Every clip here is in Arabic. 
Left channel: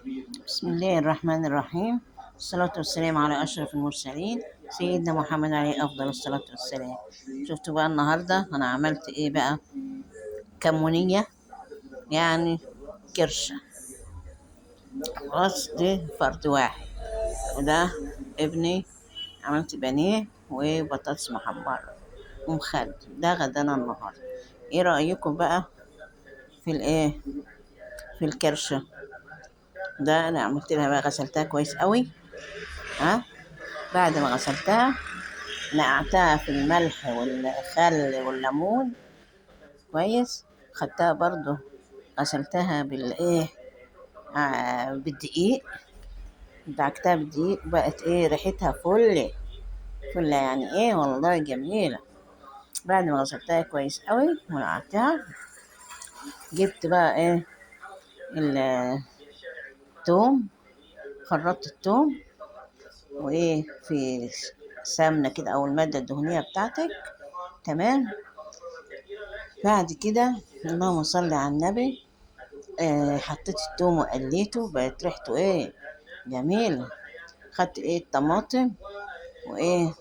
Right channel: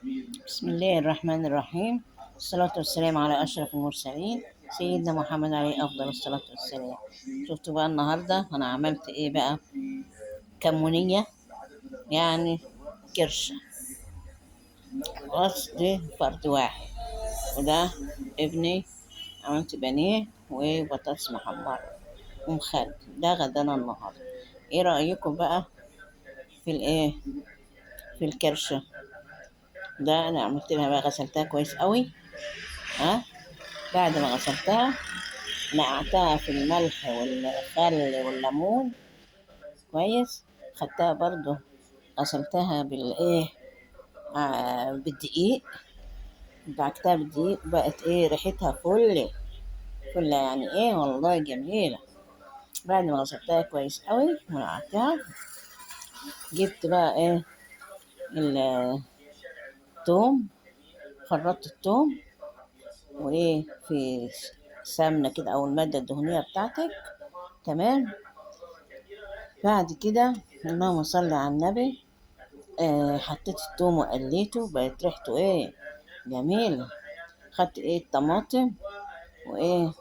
بسم الله الرحمن الرحيم. الصلاة والسلام على أشرف المرسلين سيدنا محمد عليه أفضل الصلاة والسلام. شفتوا بقى النهاردة أنا عملت إيه بقى؟ كمونية، يعني كرشة. خلاص دي فرد واحد، وده ابني. عملت بانيه وبطاطس محمرة ومخلل. ده غدانا النهاردة. إيه رأيكم بقى في الإيه؟ في الكرشة. ده أنا عملت لها بقى، غسلتها كويس قوي. ها، بعد ما غسلتها نقعتها في الملح والخل والليمون كويس. خدتها برضو غسلتها بالايه، بالدقيق. دعكتها بالدقيق، بقت ايه ريحتها فل فل، يعني ايه والله جميلة. بعد ما غسلتها كويس قوي ونقعتها، جبت بقى ايه التوم. خرطت التوم وايه في سمنة كده او المادة الدهنية بتاعتك. تمام. بعد كده اللهم صل على النبي، حطيت التوم وقليته، بقت ريحته ايه جميلة. خدت ايه الطماطم وايه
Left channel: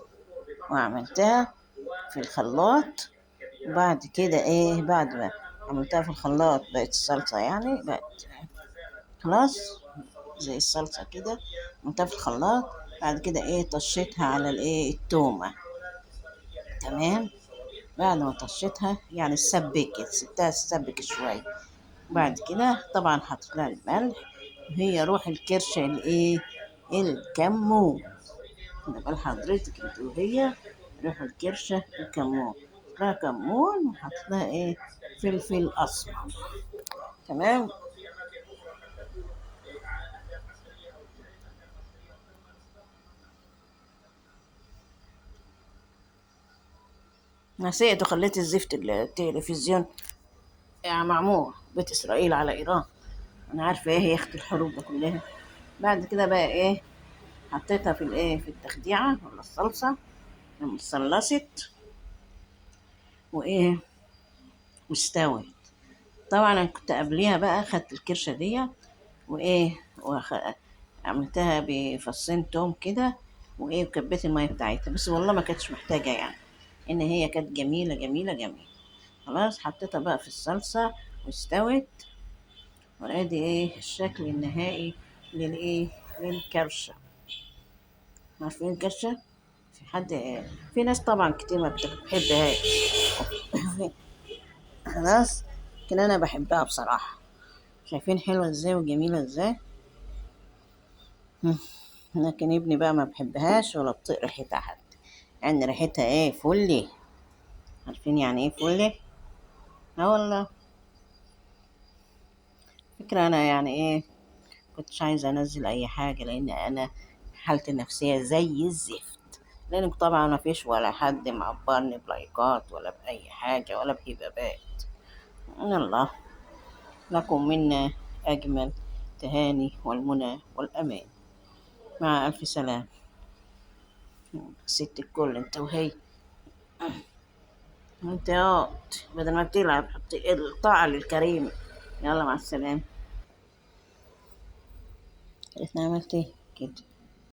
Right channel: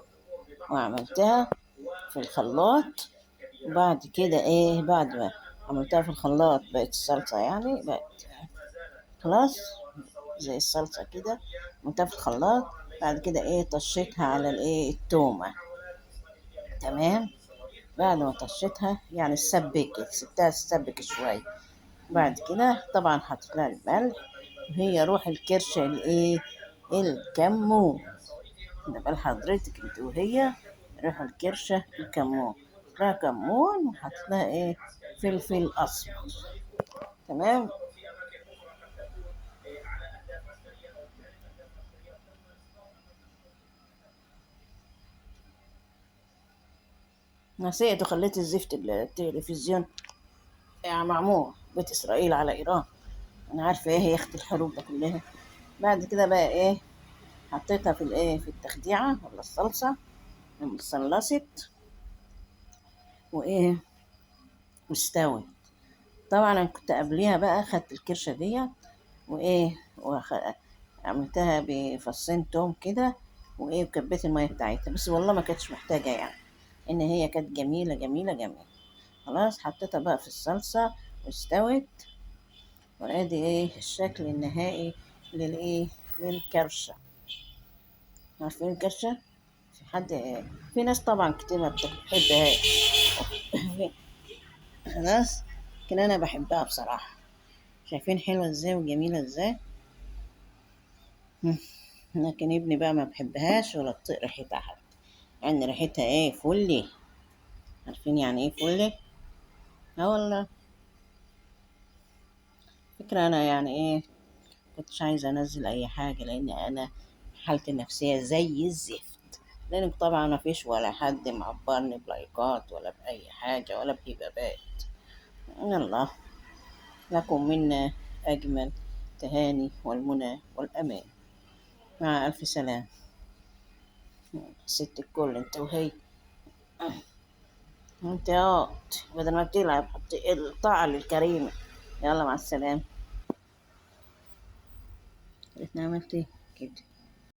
وعملتها في الخلاط. وبعد كده ايه، بعد ما عملتها في الخلاط بقت الصلصة، يعني بقت خلاص زي الصلصة كده. عملتها في الخلاط. بعد كده ايه طشيتها على الايه التومة. تمام. بعد ما طشيتها يعني سبكت، سبتها تسبك شوية. بعد كده طبعا حطيت لها الملح، وهي روح الكرشة الايه الكمون. ده بقى حضرتك انت وهي روح الكرشة الكمون. لها كمون وحطيت لها ايه فلفل اسمر. تمام. نسيت وخليت الزفت التلفزيون يعني معمور بيت اسرائيل على ايران. انا عارفه ايه هي اخت الحروب ده كلها. بعد كده بقى ايه، حطيتها في الايه في التخديعه ولا الصلصه لما اتصلصت وايه واستوت. طبعا انا كنت قبليها بقى خدت الكرشه دي وايه عملتها بفصين توم كده وايه وكبيت الميه بتاعتها، بس والله ما كانتش محتاجه يعني، ان هي كانت جميله جميله جميله. خلاص حطيتها بقى في الصلصه واستوت. وادي ايه الشكل النهائي للايه للكرشه. عارفين الكرشه؟ في حد في ناس طبعا كتير ما بتحبهاش. خلاص، لكن انا بحبها بصراحه. شايفين حلوه ازاي وجميله ازاي. لكن ابني بقى ما بحبهاش ولا بطيق ريحتها حتى، يعني ريحتها ايه فلي. عارفين يعني ايه فلي؟ اه والله. فكرة انا يعني ايه كنتش عايزة انزل اي حاجة، لان انا حالتي النفسية زي الزفت. لان طبعا ما فيش ولا حد معبرني بلايكات ولا باي حاجة ولا بهبابات. الله. لكم منا اجمل تهاني والمنى والامان. مع الف سلام. ست الكل انت وهي. انت بدل ما بتلعب حط الطاعة للكريم. يلا مع السلامة. عرفنا عملت ايه كده.